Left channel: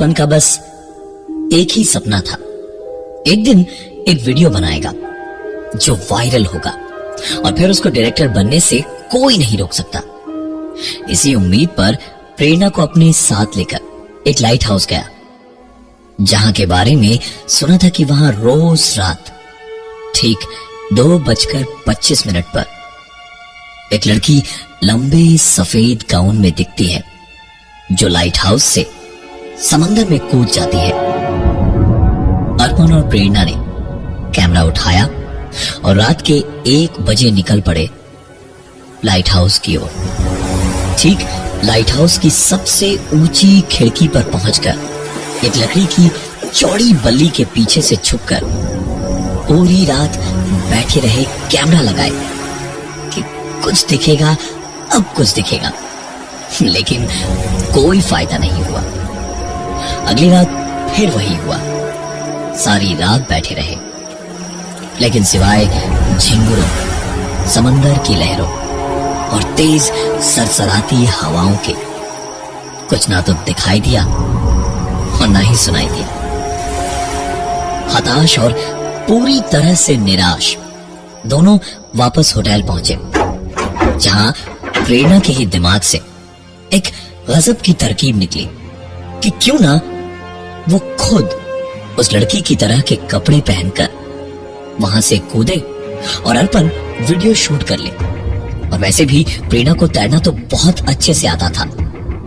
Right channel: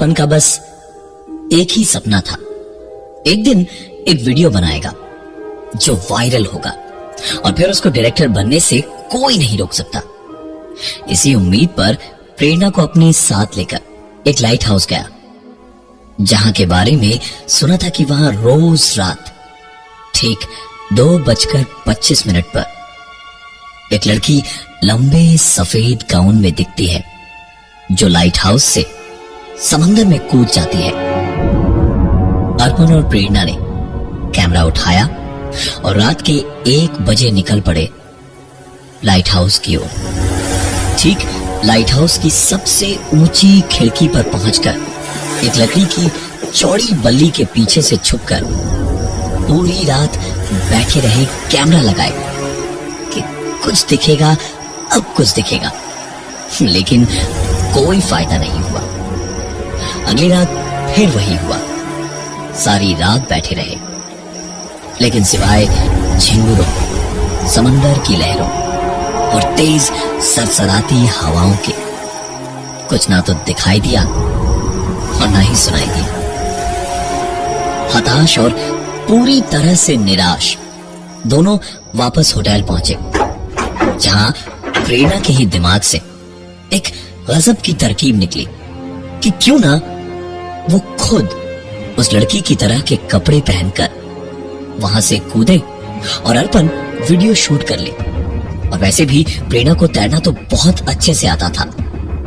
अर्पण का बस एक ही सपना था, एक दिन एक वीडियो बनाएगा जो वायरल होगा और फिर उसको डायरेक्टर बनने से कोई नहीं रोक सकता। इसी उम्मीद पर प्रेरणा को अपने साथ लेकर एक लाइट हाउस गया, जहां के बारे में सुना था कि वहां रोज रात ठीक 2:25 पर एक लड़की लंबे सफेद गाउन में दिखती है, जो लाइट हाउस से समंदर में कूद जाती है। अर्पण और प्रेरणा ने कैमरा उठाया और रात के 1 बजे निकल पड़े लाइट हाउस की ओर। ठीक लाइट हाउस की सबसे ऊंची खिड़की पर पहुंचकर एक लकड़ी की चौड़ी बल्ली के पीछे से छुपकर पूरी रात बैठे रहे, कैमरा लगाए कि कुछ दिखेगा, अब कुछ दिखेगा, लेकिन कोई फायदा नहीं हुआ। अगली रात फिर वही हुआ, सारी रात बैठे रहे, लेकिन सिवाय झिंगुरों, समंदर की लहरों और तेज सरसराती हवाओं के कुछ ना तो दिखाई दिया और ना ही सुनाई दिया। हताश और पूरी तरह से निराश दोनों वापस होटल पहुंचे, जहां प्रेरणा के ही दिमाग से एक गजब की तरकीब निकली कि क्यों ना वो खुद उस लड़की की तरह के कपड़े पहनकर वहां से कूदे और अर्पण वीडियो शूट कर ले। और वैसे भी प्रेरणा को तैरना तो बहुत अच्छे से आता था,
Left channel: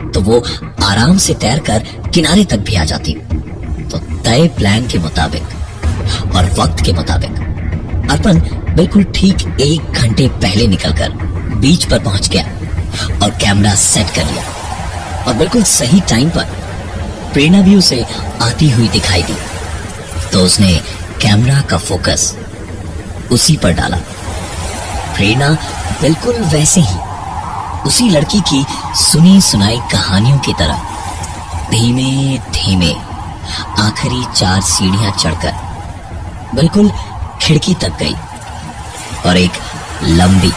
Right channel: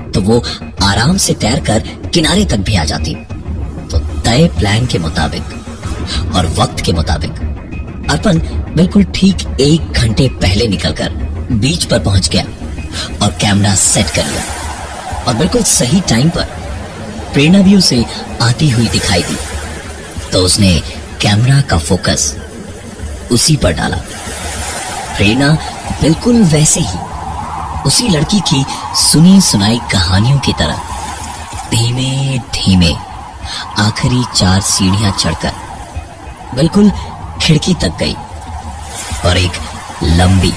तो वो आराम से तैरकर किनारे तक भी आ जाती। तो तय प्लान के मुताबिक और वक्त के मुताबिक अर्पण बिल्कुल ठीक 1 घंटे पहले निकलकर बीच पर पहुंच गया और कैमरा सेट कर लिया। और बिल्कुल सही टाइम पर प्रेरणा भी उसे आती हुई दिखाई दी, तो उसने कैमरा का फोकस उसी पर डाला। प्रेरणा बिल्कुल वैसे ही उसी लड़की की सुनी सुनाई कहानियों की तरह धीमे धीमे आखिरी 4 सीढ़ियां चढ़कर बिल्कुल खिड़की तक गई और एक लंबी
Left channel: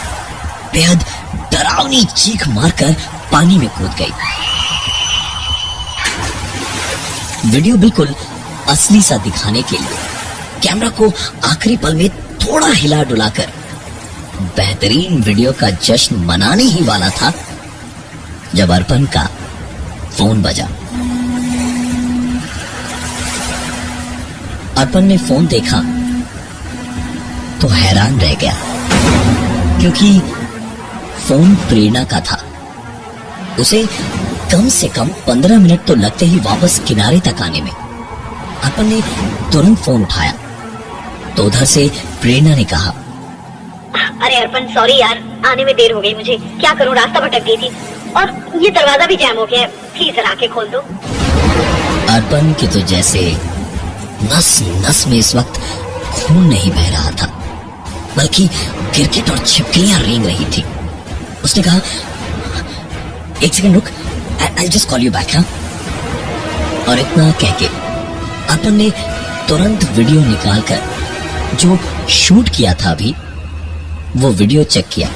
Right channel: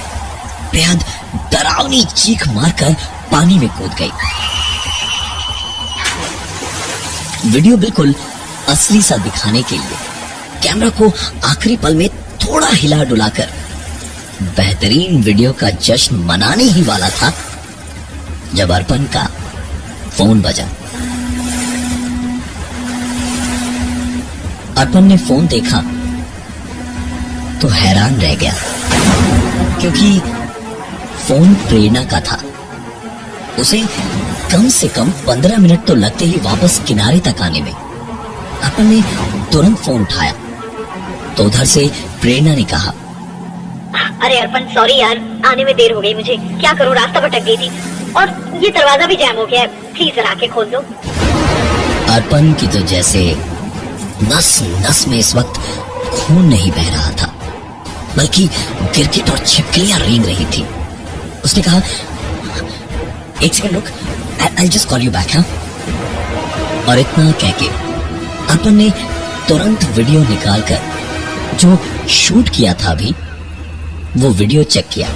बेहद डरावनी चीख मारकर पानी में कूद गई। वीडियो बिल्कुल असली सा दिखाने के लिए कैमरा को आखिरी पल में थोड़ा हिला डुलाकर बेहतरीन वीडियो का जश्न मनाने ही वाला था, जब अर्पण का फोन बजा। अर्पण ने फोन देखा तो हैरान रह गया, क्योंकि फोन प्रेरणा का था। उसे कम से कम 15 मिनट तो लगते ही वापस किनारे तक आने में। अर्पण ने तुरंत फोन उठाया तो उधर से प्रेरणा ने कहा, अरे अर्पण, सॉरी यार, आने में देर हो गई मुझे। क्या करूं, रास्ता भटक गई थी और ये दरवाजा भी जैम हो गया है, प्लीज जरा आके खोल दो। अर्पण की तो जैसे नस नस में इस वक्त खून नहीं बह रहा था, बल्कि गिरगिट और छिपकलियां रेंग रही थी। उसने कहा, 1 सेकंड रुक, I'll just call you back, हाँ? और इतना कह के अर्पण ने तुरंत वीडियो निकालकर जो शूट किया था अभी, वो वीडियो चेक किया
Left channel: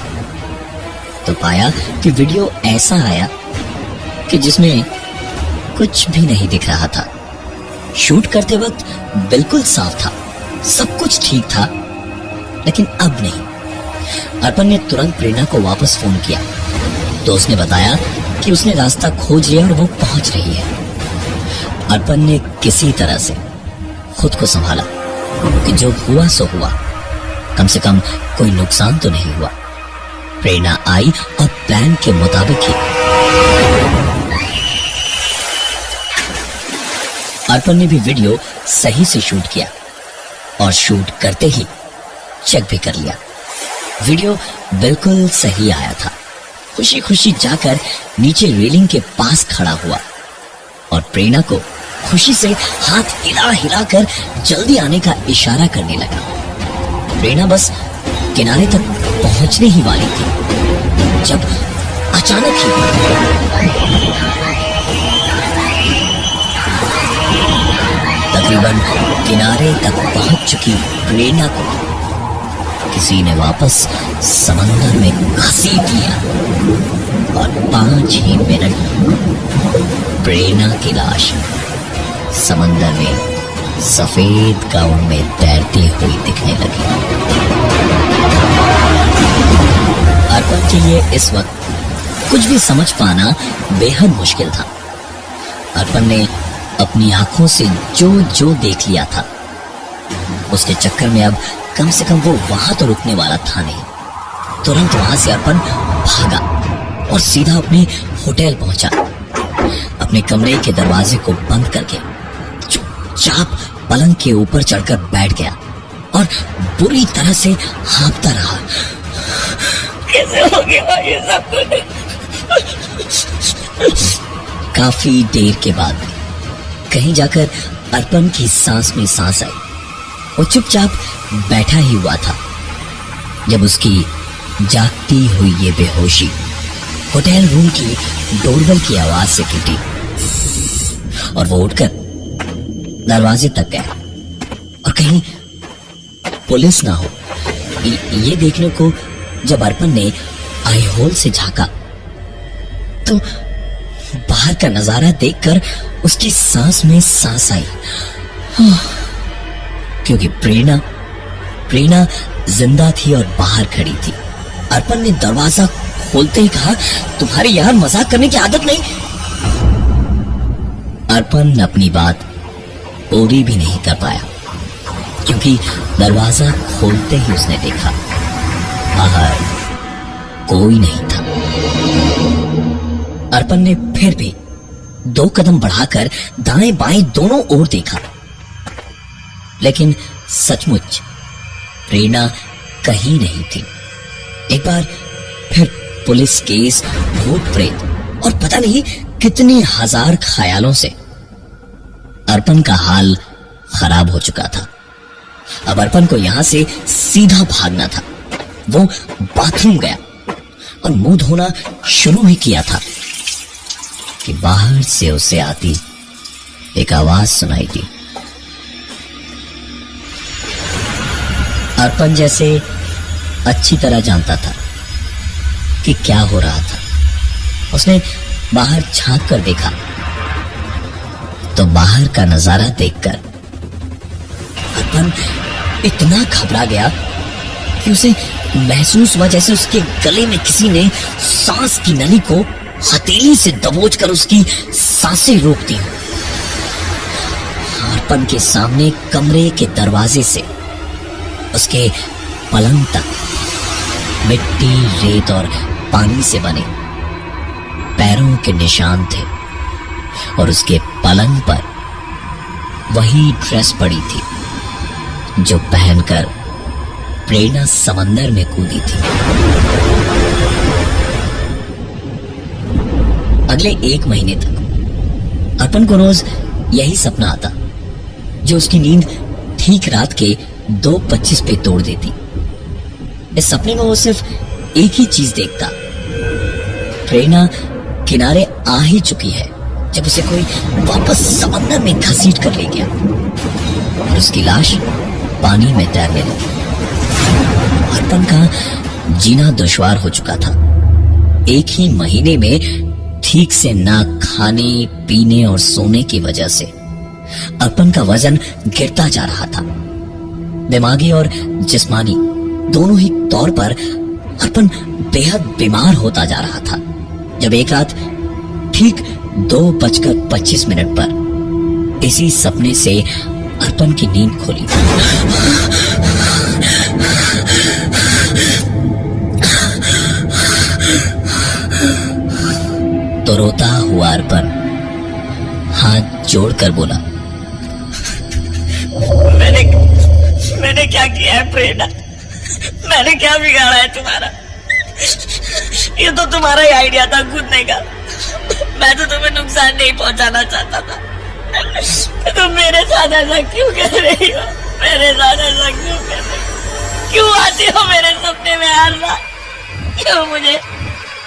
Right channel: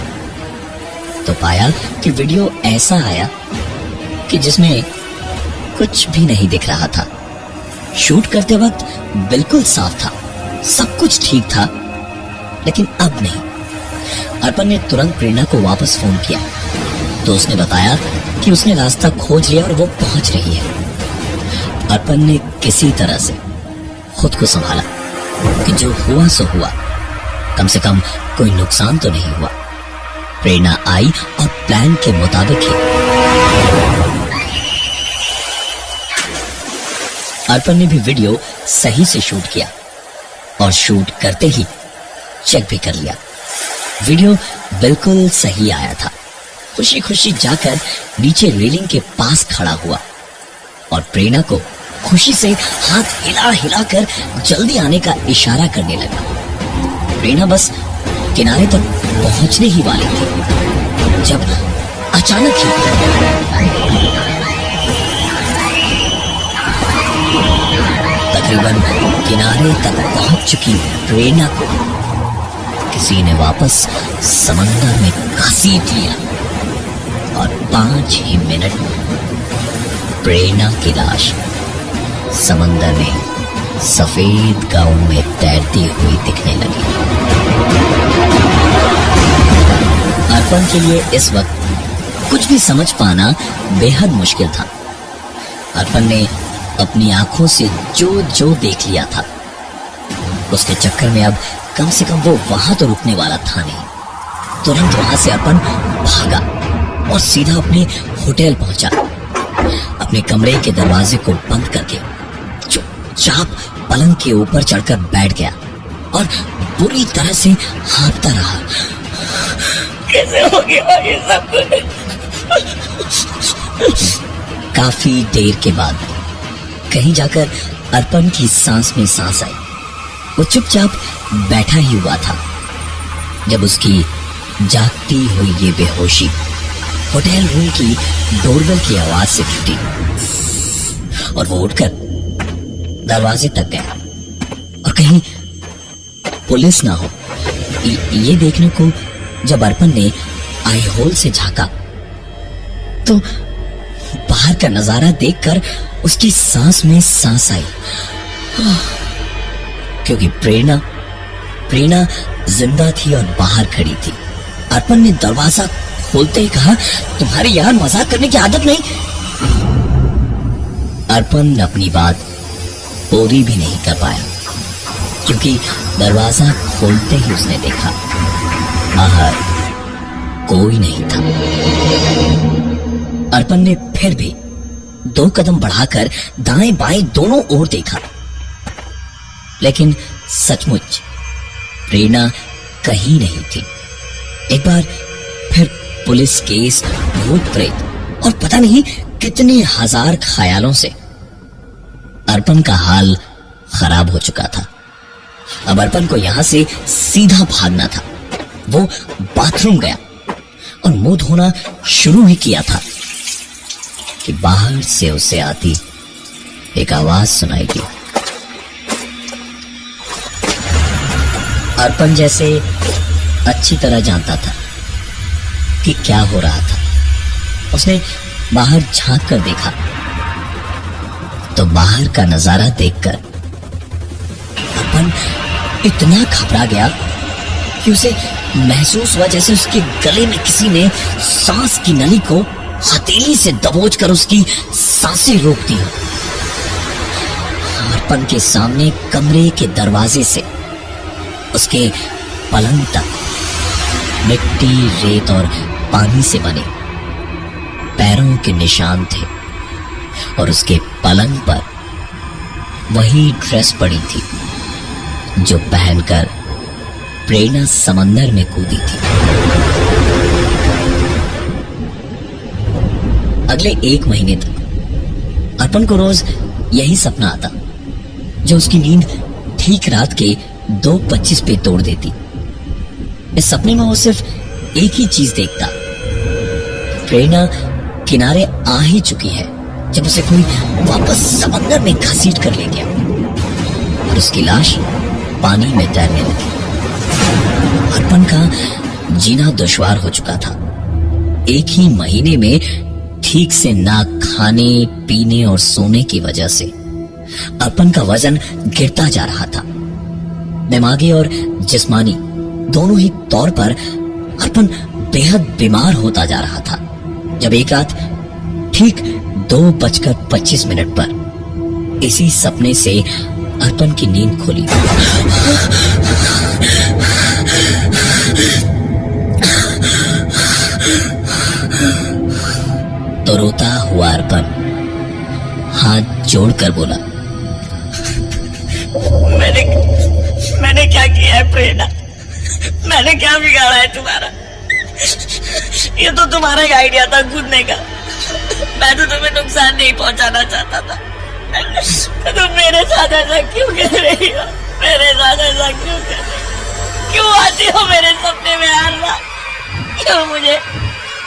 तो पाया कि वीडियो ऐसा आया कि जिसमें कुछ भी नहीं दिख रहा था। शूट करते वक्त बिल्कुल साफ था, सब कुछ ठीक था, लेकिन अब नहीं। अर्पण ने तुरंत प्रेरणा को वापस फोन किया तो उसने बताया कि उसने रास्ता खोज लिया और वो पहुंच रही है। अर्पण ने किसी तरह से खुद को संभाला कि जो हुआ सो हुआ, कम से कम कोई नुकसान तो नहीं हुआ। प्रेरणा आई और प्लान के मुताबिक ही अर्पण ने भी वीडियो सही से शूट किया और शूट करते ही चेक भी कर लिया। वीडियो बिल्कुल सही आया था। खुशी खुशी जाकर नीचे रेलिंग के पास खड़ा हुआ और प्रेरणा को खुशी से हाथ हिला हिला कर जल्दी आने का इशारा करने लगा। प्रेरणा बस किनारे तक पहुंचने ही वाली थी जब अचानक ही तकरीबन किनारे तक पहुंच चुकी प्रेरणा को किसी ने वापस समंदर में घसीट लिया और 5 ही मिनट में प्रेरणा की लाश समंदर में सफेद गाउन में तैरती हुई दिखने लगी। अर्पण के लिए इस वक्त कुछ भी समझ पाना बेहद मुश्किल था। अर्पण ने अपनी आंखों से जो जो देख लिया था, उसके चक्कर में अब कम से कम वो वहां तो रुकने वाला था नहीं। तुरंत वहां से अर्पण भागा और सीधा अपने होटल पहुंचा। अपने कमरे के दरवाजे को बंद करके चुपचाप पलंग के ऊपर चढ़कर बैठ गया और बुरी तरह से हाँफता रहा। कैसे हो गया ये सब? काफी देर के बाद कहीं जाकर अर्पण की सांस में सांस आई। वो चुपचाप बैठा ही हुआ था जब उसकी जागती हुई ये बेहोशी होटल रूम की डोरबेल की आवाज से टूटी और वो उठकर दरवाजे तक गया और कहीं पुलिस ना हो ये देखने को जब अर्पण ने आई होल से झांका तो बाहर का नजारा देखकर उसकी सांस में सांस आई, क्योंकि प्रेरणा जिंदा थी और बाहर खड़ी थी। अर्पण ने दरवाजा खोलते ही कहा, तुम्हारी यहां मजाक करने की आदत नहीं। अर्पण अपनी बात पूरी भी नहीं कर पाया, क्योंकि दरवाजा खोलते ही उसने देखा बाहर कोई नहीं था। अर्पण ने फिर भी 2 कदम बढ़ाकर दाएं बाएं दोनों ओर देखा, लेकिन सचमुच प्रेरणा कहीं नहीं थी। एक बार फिर पुलिस केस, भूत प्रेत और पता नहीं कितने हजार ख्यालों से अर्पण का हाल खराब हो चुका था। अब अर्पण को यहां से सीधा भागना था। वो बाथरूम गया और मुंह धोना शुरू ही किया था कि बाहर से उसे आती एक आवाज सुनाई दी। अर्पण जैसे अच्छी तरह जानता था कि क्या हो रहा था। उसने बाहर झांक कर देखा तो बाहर का नजारा देखकर अर्पण इतना घबरा गया कि उसे महसूस हुआ जैसे उसके गले में किसी ने सांस की नली को हथेली से दबोचकर उसकी सांसें रोकती हो। अर्पण के सामने कमरे के दरवाजे से उसके पलंग तक मिट्टी, रेत और पानी से बने पैरों के निशान थे और उसके पलंग पर वही ड्रेस पड़ी थी जो पहनकर प्रेरणा समंदर में कूदी थी। अगले 1 महीने तक अर्पण को रोज यही सपना आता जो उसकी नींद ठीक रात के 2:25 पे तोड़ देती। इस सपने में वो सिर्फ एक ही चीज देखता, प्रेरणा किनारे आ ही चुकी है जब उसे कोई वापस समंदर में घसीट कर ले गया और उसकी लाश पानी में तैरने लगी। अर्पण का जीना दुश्वार हो चुका था। 1 ही महीने में ठीक से ना खाने, पीने और सोने की वजह से अर्पण का वजन गिरता जा रहा था। दिमागी और जिस्मानी दोनों ही तौर पर अर्पण बेहद बीमार होता जा रहा था जब एक रात ठीक 2:25 पर इसी सपने से अर्पण की नींद खुली। तो रोता हुआ अर्पण हाथ जोड़कर बोला, मैंने क्या किया है प्रेरणा? मैंने क्या बिगाड़ा है तुम्हारा? ये तो तुम्हारा ही आइडिया था कूदने का। मैं तो तुम्हें नुकसान नहीं पहुंचाना चाहता था। तुम मेरे साथ ऐसा क्यों कर रही हो? मेरे साथ ऐसा क्यों कर रही हो? क्यों आती हो मेरे सपने में हर रात? क्यों मुझे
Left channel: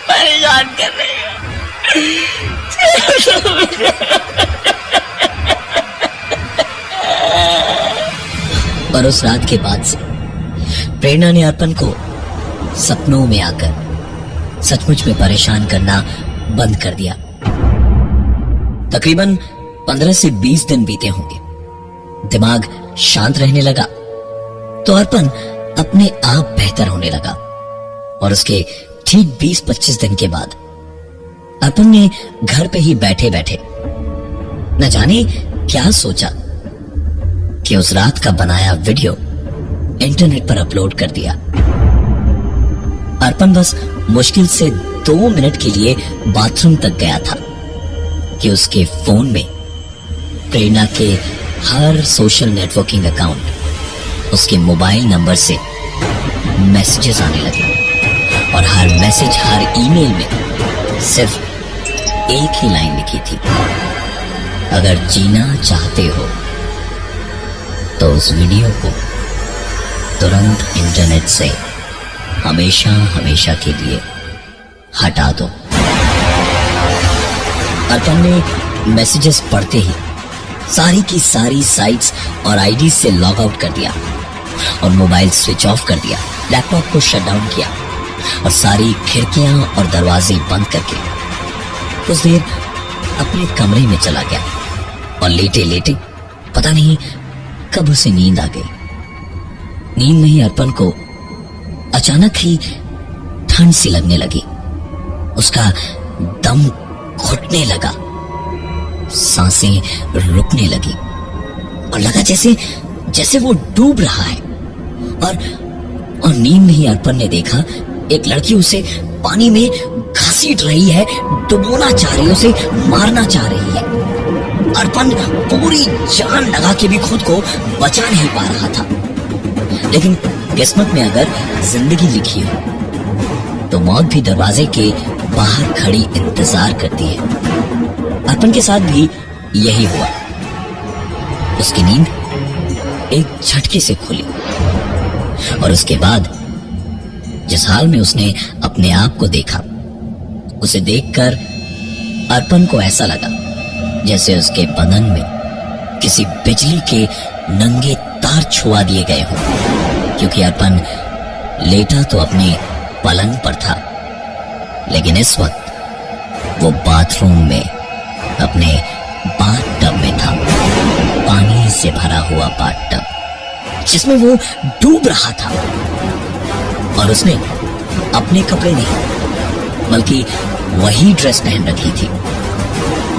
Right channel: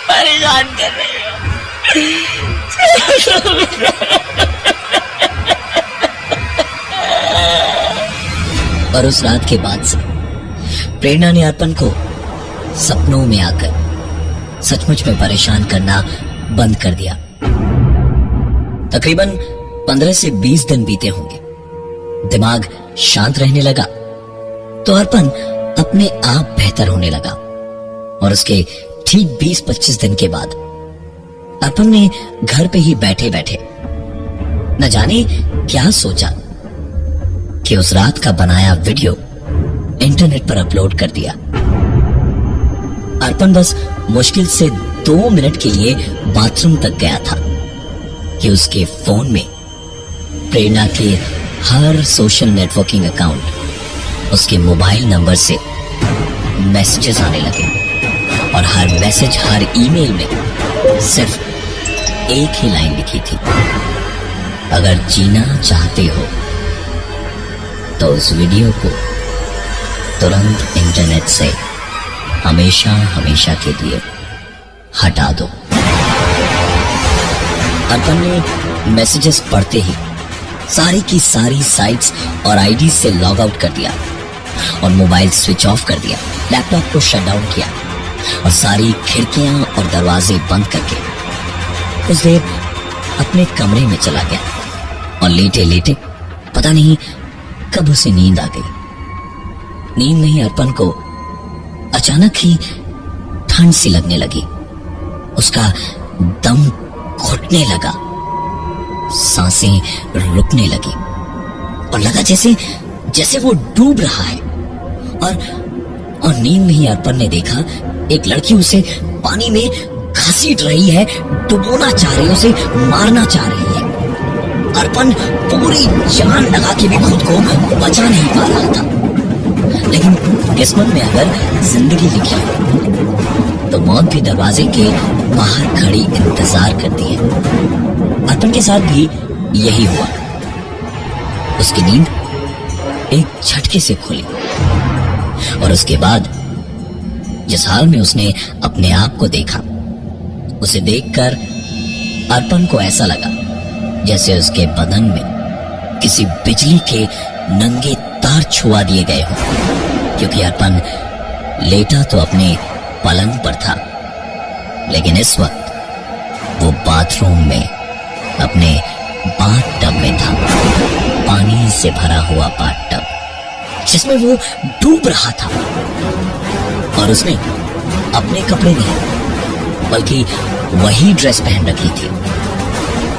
परेशान कर रही हो? और उस रात के बाद से प्रेरणा ने अर्पण को सपनों में आकर सचमुच में परेशान करना बंद कर दिया। तकरीबन 15 से 20 दिन बीते होंगे। दिमाग शांत रहने लगा तो अर्पण अपने आप बेहतर होने लगा और उसके ठीक 20-25 दिन के बाद अर्पण ने घर पे ही बैठे बैठे न जाने क्या सोचा कि उस रात का बनाया वीडियो इंटरनेट पर अपलोड कर दिया। अर्पण बस मुश्किल से 2 मिनट के लिए बाथरूम तक गया था कि उसके फोन में प्रेरणा के हर सोशल नेटवर्किंग अकाउंट उसके मोबाइल नंबर से मैसेजेस आने लगे और हर मैसेज, हर ईमेल में सिर्फ एक ही लाइन लिखी थी, अगर जीना चाहते हो तो उस वीडियो को तुरंत इंटरनेट से हमेशा हमेशा के लिए हटा दो। अर्पण ने मैसेजेस पढ़ते ही सारी की सारी साइट्स और आईडी से लॉग आउट कर दिया और मोबाइल स्विच ऑफ कर दिया, लैपटॉप को शट डाउन किया और सारी खिड़कियां और दरवाजे बंद करके कुछ देर अपने कमरे में चला गया और लेटे लेटे पता नहीं कब उसे नींद आ गई। नींद में ही अर्पण को अचानक ही ठंड सी लगने लगी, उसका दम घुटने लगा, सांसें रुकने लगी और लगा जैसे जैसे वो डूब रहा है। और नींद में ही अर्पण ने देखा एक लड़की उसे पानी में घसीट रही है, डुबोना चाह रही है, उसे मारना चाह रही है। अर्पण पूरी जान लगा के भी खुद को बचा नहीं पा रहा था, लेकिन किस्मत में अगर जिंदगी लिखी हो तो मौत भी दरवाजे के बाहर खड़ी इंतजार करती है। अर्पण के साथ भी यही हुआ। उसकी नींद एक झटके से खुली और उसके बाद जिस हाल में उसने अपने आप को देखा, उसे देखकर अर्पण को ऐसा लगा जैसे उसके बदन में किसी बिजली के नंगे तार छुआ दिए गए हों, क्योंकि अर्पण लेटा तो अपने पलंग पर था, लेकिन इस वक्त वो बाथरूम में अपने बाथटब में था, पानी से भरा हुआ बाथटब जिसमें वो डूब रहा था। और उसने अपने कपड़े नहीं बल्कि वही ड्रेस पहन रखी थी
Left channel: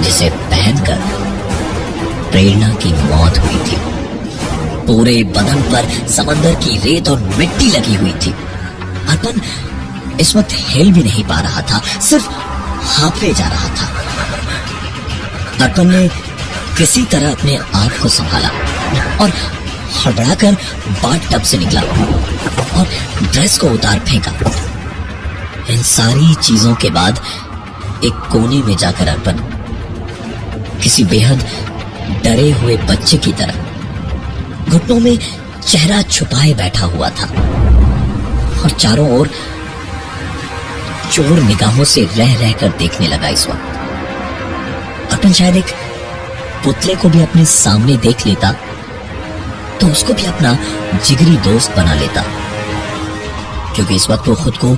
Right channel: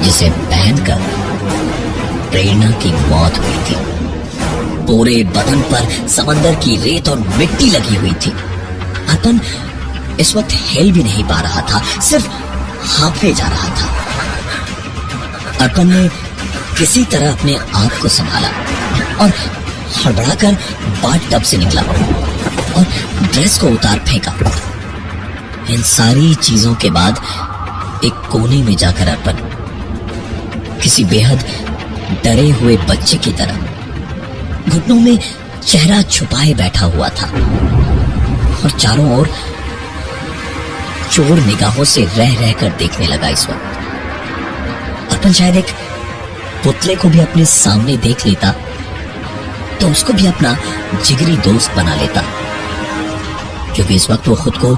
जिसे पहनकर प्रेरणा की मौत हुई थी। पूरे बदन पर समंदर की रेत और मिट्टी लगी हुई थी। अर्पण इस वक्त हिल भी नहीं पा रहा था, सिर्फ हांफे जा रहा था। अर्पण ने किसी तरह अपने आप को संभाला और हड़बड़ाकर बाथटब से निकला और ड्रेस को उतार फेंका। इन सारी चीजों के बाद एक कोने में जाकर अर्पण किसी बेहद डरे हुए बच्चे की तरह घुटनों में चेहरा छुपाए बैठा हुआ था और चारों ओर चोर निगाहों से रह रहकर देखने लगा। इस वक्त अर्पण शायद एक पुतले को भी अपने सामने देख लेता तो उसको भी अपना जिगरी दोस्त बना लेता, क्योंकि इस वक्त वो खुद को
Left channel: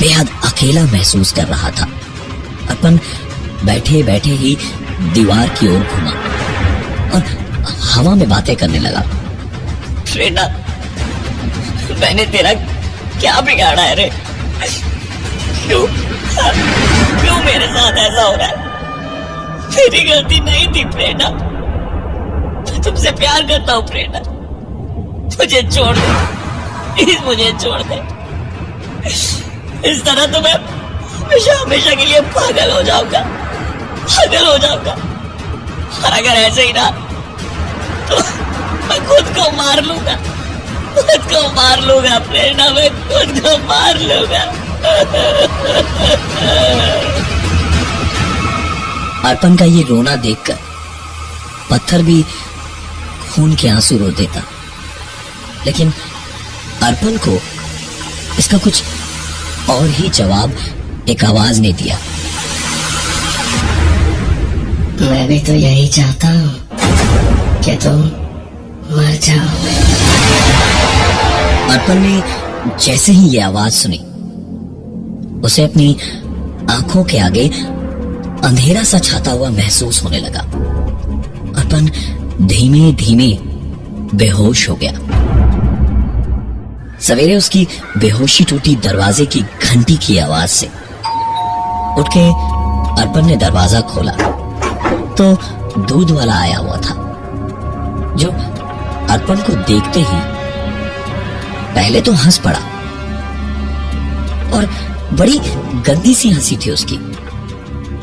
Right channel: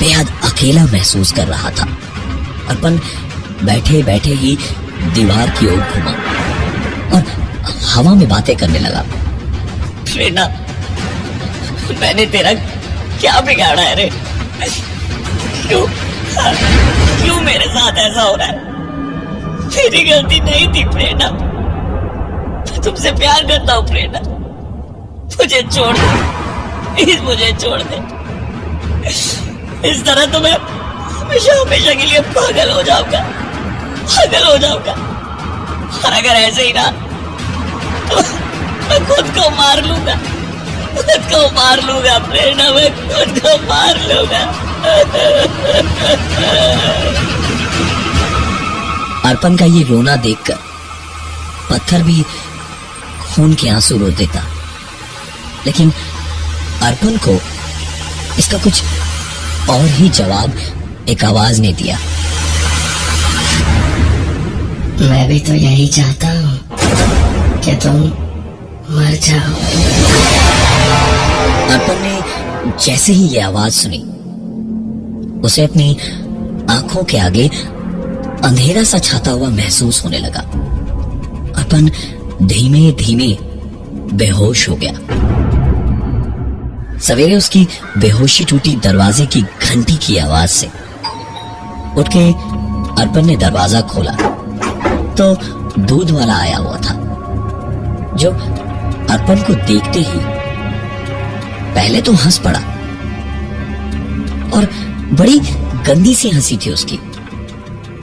बेहद अकेला महसूस कर रहा था। अर्पण बैठे बैठे ही दीवार की ओर घुमा और हवा में बातें करने लगा। प्रेरणा, मैंने तेरा क्या बिगाड़ा है रे? क्यों मेरे साथ ऐसा हो रहा है? मेरी गलती नहीं थी प्रेरणा, मैं तुमसे प्यार करता हूँ प्रेरणा, मुझे छोड़ दे, प्लीज मुझे छोड़ दे। इस तरह तो मैं हमेशा हमेशा के लिए पागल हो जाऊंगा। और अगर ऐसे ही ना तो मैं खुद को मार लूंगा प्रेरणा, मैं खुद को मार लूंगा। अर्पण का ये रोना देखकर पत्थर भी खून के आंसू रो देता, लेकिन अर्पण को इसका कुछ और ही जवाब एक आवाज ने दिया। मैं भी तो यही चाहता हूँ कि तुम मर जाओ। अर्पण ने जैसे ही ये आवाज सुनी, उसे अपनी आंखों के आगे अंधेरा सा छाता हुआ महसूस होने लगा अर्पण धीमे धीमे बेहोश हो गया। सवेरे उसकी बेहोशी टूटी दरवाजे की घंटी की आवाज से। उठ के अर्पण ने दरवाजा खोला तो दूध वाला आया हुआ था, जो अर्पण को देखते ही पहले तो हंस पड़ा और बड़ी गंदी सी हंसी थी उसकी,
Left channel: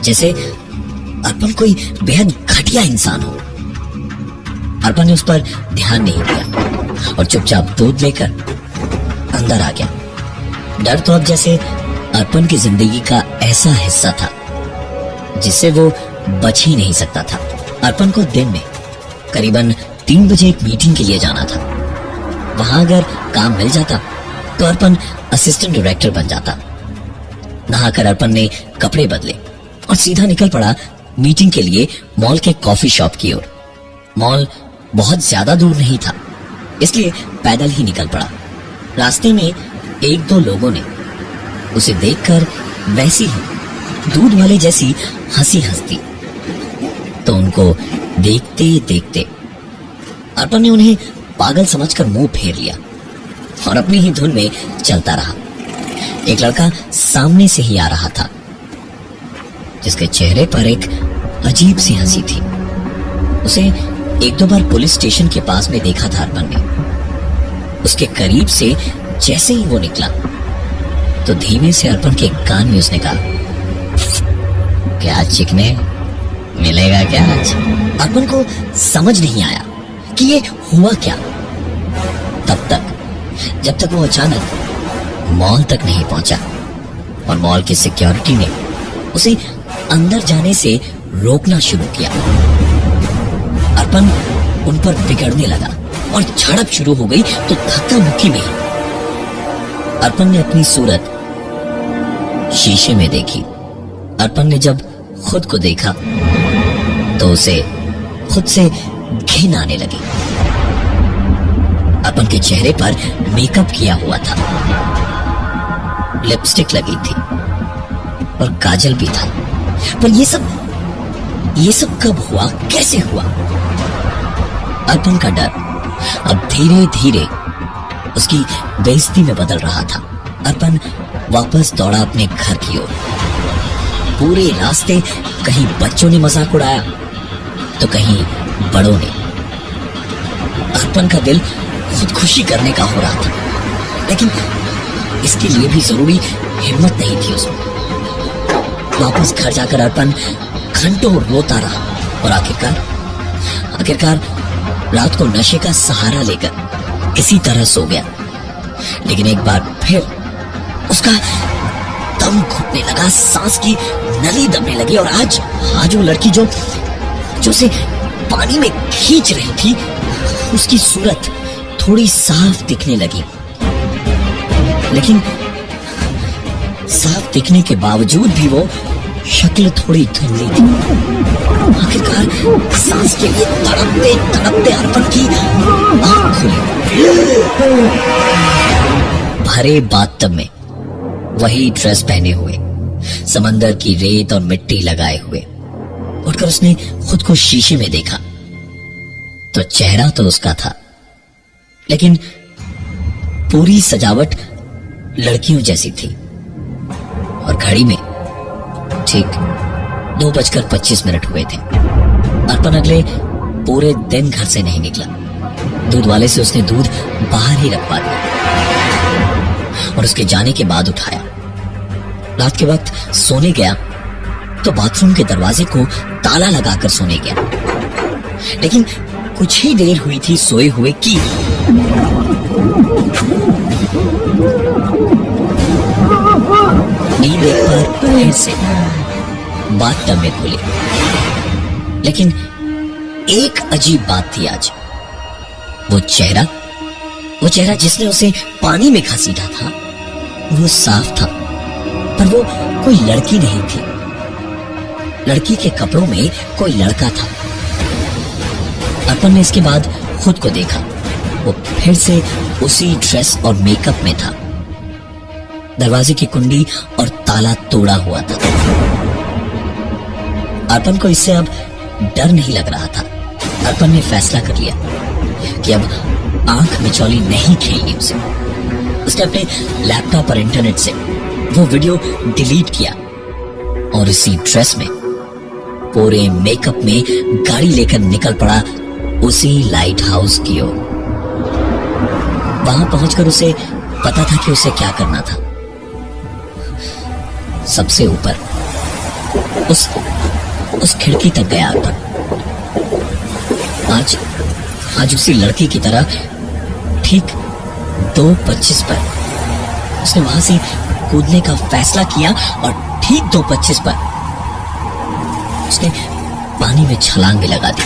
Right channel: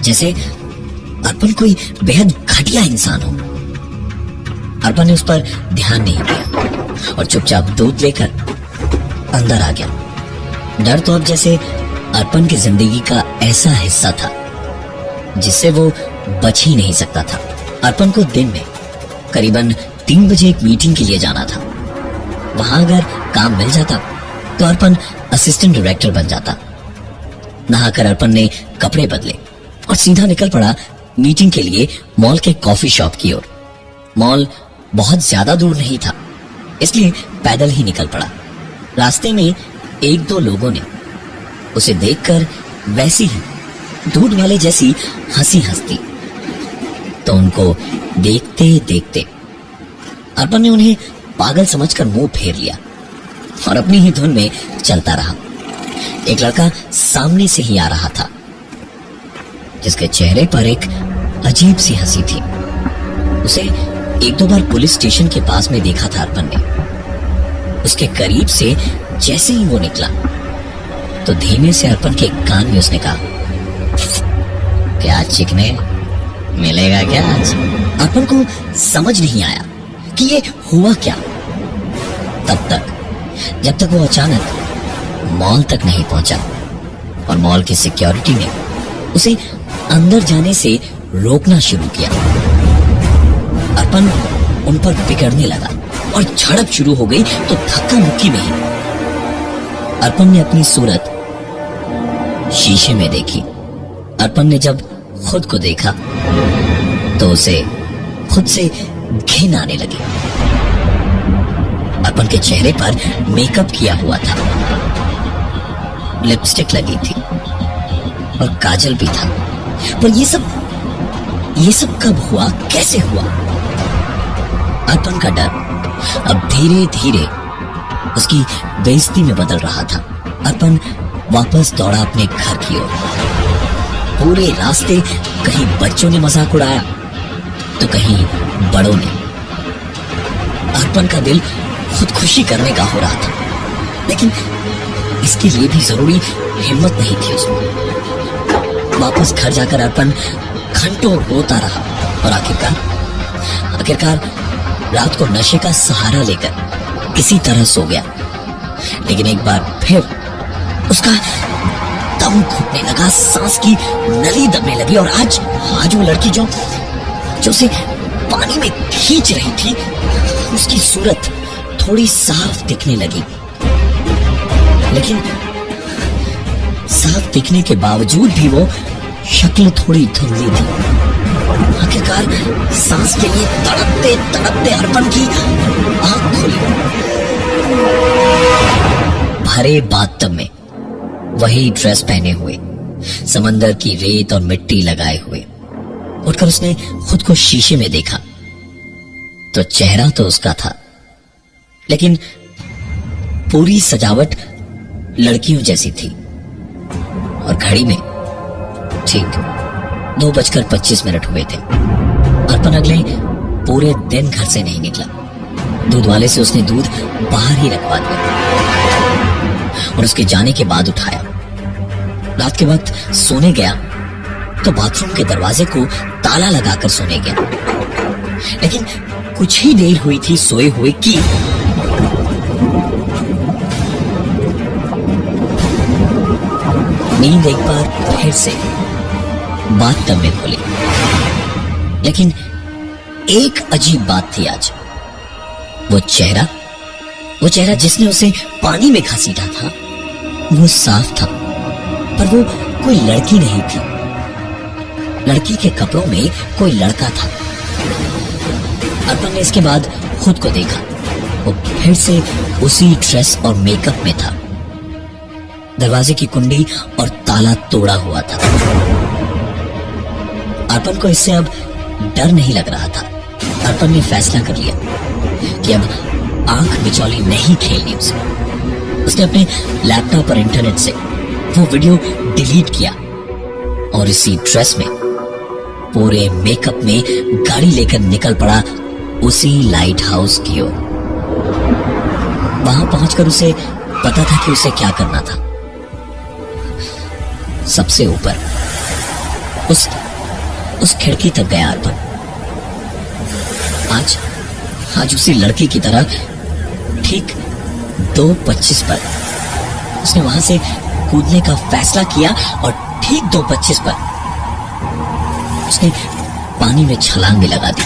जैसे अर्पण कोई बेहद घटिया इंसान हो। अर्पण ने उस पर ध्यान नहीं दिया और चुपचाप दूध लेकर अंदर आ गया। डर तो अब जैसे अर्पण की जिंदगी का ऐसा हिस्सा था जिससे वो बच ही नहीं सकता था। अर्पण को दिन में करीबन 3 बजे एक मीटिंग के लिए जाना था। वहां अगर काम मिल जाता तो अर्पण असिस्टेंट डायरेक्टर बन जाता। नहाकर अर्पण ने कपड़े बदले और सीधा निकल पड़ा मीटिंग के लिए मॉल के कॉफी शॉप की ओर। मॉल बहुत ज्यादा दूर नहीं था, इसलिए पैदल ही निकल पड़ा। रास्ते में 1-2 लोगों ने उसे देखकर वैसी ही दूध वाले जैसी हंसी हंसती, तो उनको देखते देखते अर्पण ने उन्हें पागल समझकर मुंह फेर लिया और अपनी ही धुन में चलता रहा। एक लड़का सामने से ही आ रहा था, जिसके चेहरे पर एक अजीब सी हंसी थी। उसे 1-2 बार पुलिस स्टेशन के पास में देखा था अर्पण ने। उसके करीब से जैसे ही वो निकला तो धीमे से अर्पण के कान में उसने कहा, क्या चिकने, मिलेगा क्या आज? अर्पण को समझ नहीं आया कि ये हुआ क्या, तब तक जब तक वो अचानक मॉल तक नहीं पहुंचा और मॉल की सिक्योरिटी ने उसे अंदर जाने से रोकना शुरू किया। अर्पण उन पर बिगड़ने लगा और झड़प शुरू हो गई तो धक्का मुक्की में ही अर्पण ने अपनी सूरत शीशे में देखी। अर्पण ने जब खुद को देखा तो उसे खुद से घिन आने लगी। अर्पण के चेहरे पर मेकअप किया हुआ था, लिपस्टिक लगी थी और काजल भी था, पर ये सब कब हुआ, कैसे हुआ? अर्पण का डर अब धीरे धीरे उसकी बेइज्जती में बदल रहा था। अर्पण वापस दौड़ा अपने घर की ओर। पूरे रास्ते कहीं बच्चों ने मजाक उड़ाया तो कहीं बड़ों ने। अर्पण का दिल खुदकुशी करने का हो रहा था, लेकिन इसके लिए भी जरूरी हिम्मत नहीं थी उसमें। वापस घर जाकर अर्पण घंटों रोता रहा और आखिरकार रात को नशे का सहारा लेकर किसी तरह सो गया। लेकिन एक बार फिर उसका दम घुटने लगा, सांस की नली दबने लगी और आज वो लड़की जो उसे पानी में खींच रही थी, उसकी सूरत थोड़ी साफ दिखने लगी। लेकिन साफ दिखने के बावजूद भी वो शक्ल थोड़ी धुंधली थी। आखिरकार सांस के लिए तड़पते तड़पते अर्पण की आंख खुली। भरे बाथटब में वही ड्रेस पहने हुए, समंदर की रेत और मिट्टी लगाए हुए। उठकर उसने खुद को शीशे में देखा तो चेहरा तो उसका था, लेकिन पूरी सजावट लड़कियों जैसी थी। और घड़ी में ठीक 2:25 हुए थे। अर्पण अगले पूरे दिन घर से नहीं निकला। दूध वाले से उसने दूध बाहर ही रखवा दिया और उसके जाने के बाद उठाया। रात के वक्त सोने गया तो बाथरूम के दरवाजे को ताला लगाकर सोने गया। लेकिन कुछ ही देर हुई थी सोए हुए कि नींद एक बार फिर से बाथटब में खुली। लेकिन एक अजीब बात थी आज। वो चेहरा जिसने उसे पानी में घसीटा था, वो साफ था, पर वो कोई लड़की नहीं थी। लड़की के कपड़ों में कोई लड़का था। अर्पण ने इसके बाद खुद को देखा, वो फिर से उसी ड्रेस और मेकअप में था। दरवाजे की कुंडी और ताला तोड़ा हुआ था। अर्पण को इससे अब डर नहीं लग रहा था, अर्पण ने फैसला कर लिया कि अब आंख मिचौली नहीं खेलनी उसे। उसने अपने लैपटॉप और इंटरनेट से वो वीडियो डिलीट किया और इसी ड्रेस में पूरे मेकअप में गाड़ी लेकर निकल पड़ा उसी लाइट हाउस की ओर। वहां पहुंचकर उसे पता था कि उसे क्या करना था। सबसे ऊपर उस खिड़की तक गया अर्पण। आज उसी लड़के की तरह ठीक 2:25 पर उसने वहां से कूदने का फैसला किया और ठीक 2:25 पर उसने पानी में छलांग भी लगा दी।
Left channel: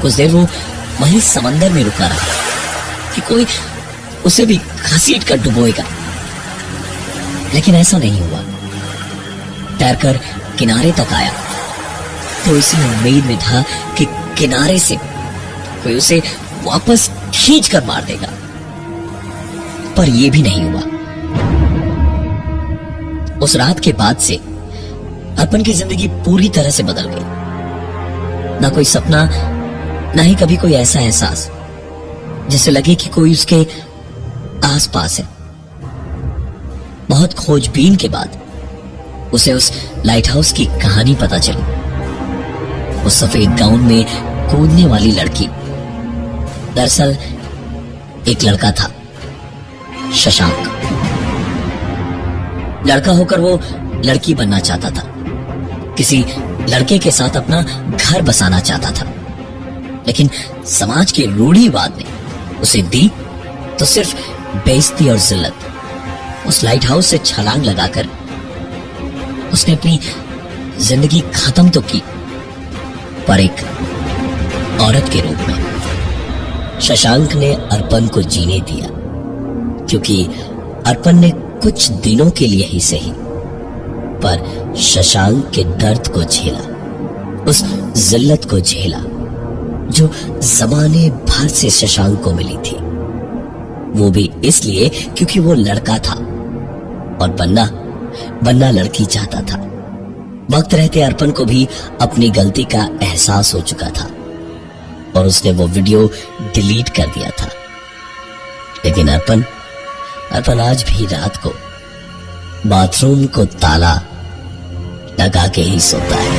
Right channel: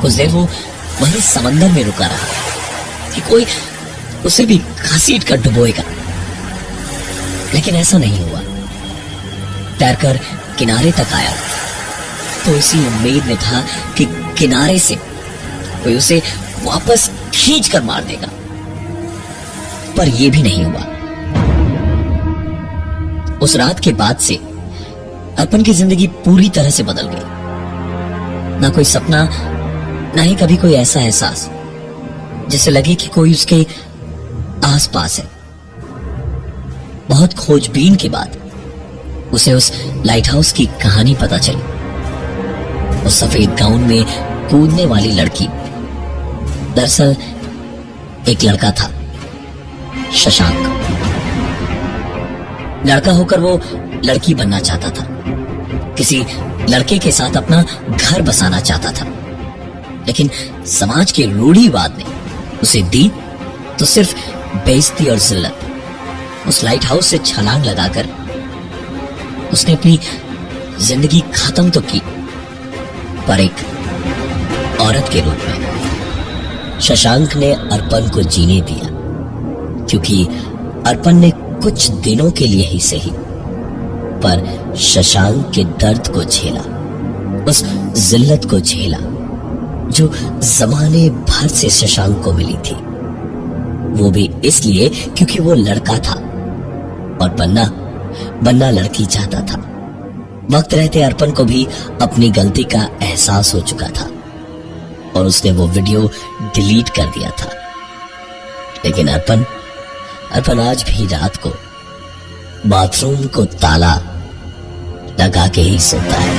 कुछ देर वो वहीं समंदर में रुका रहा कि कोई उसे भी घसीट कर डुबोएगा, लेकिन ऐसा नहीं हुआ। तैरकर किनारे तक आया तो इसी उम्मीद में था कि किनारे से कोई उसे वापस खींच कर मार देगा, पर यह भी नहीं हुआ। उस रात के बाद से अर्पण की जिंदगी पूरी तरह से बदल गई। ना कोई सपना, ना ही कभी कोई ऐसा एहसास जिससे लगे कि कोई उसके आसपास है। बहुत खोजबीन के बाद उसे उस लाइट हाउस की कहानी पता चली। उस सफेद गाउन में कूदने वाली लड़की दरअसल एक लड़का था, शशांक। लड़का होकर वो लड़की बनना चाहता था, किसी लड़के के साथ अपना घर बसाना चाहता था, लेकिन समाज के रूढ़िवाद ने उसे दी तो सिर्फ बेइज्जती और जिल्लत। उस लाइट हाउस से छलांग लगाकर उसने अपनी जिंदगी खत्म तो की, पर एक औरत के रूप में। शशांक ने अर्पण को जीने दिया, क्योंकि अर्पण ने कुछ दिनों के लिए ही सही, पर शशांक के दर्द को झेला, उस जिल्लत को झेला जो जमाने भर से शशांक को मिली थी। वो भी इसलिए क्योंकि वो लड़का था और बनना लड़की चाहता था। वक्त रहते अर्पण को भी अपनी गलती का एहसास हो चुका था और उसने वो वीडियो डिलीट कर दिया था। लेकिन अर्पण आज भी रात को बाथरूम को ताला लगा के ही सोता है।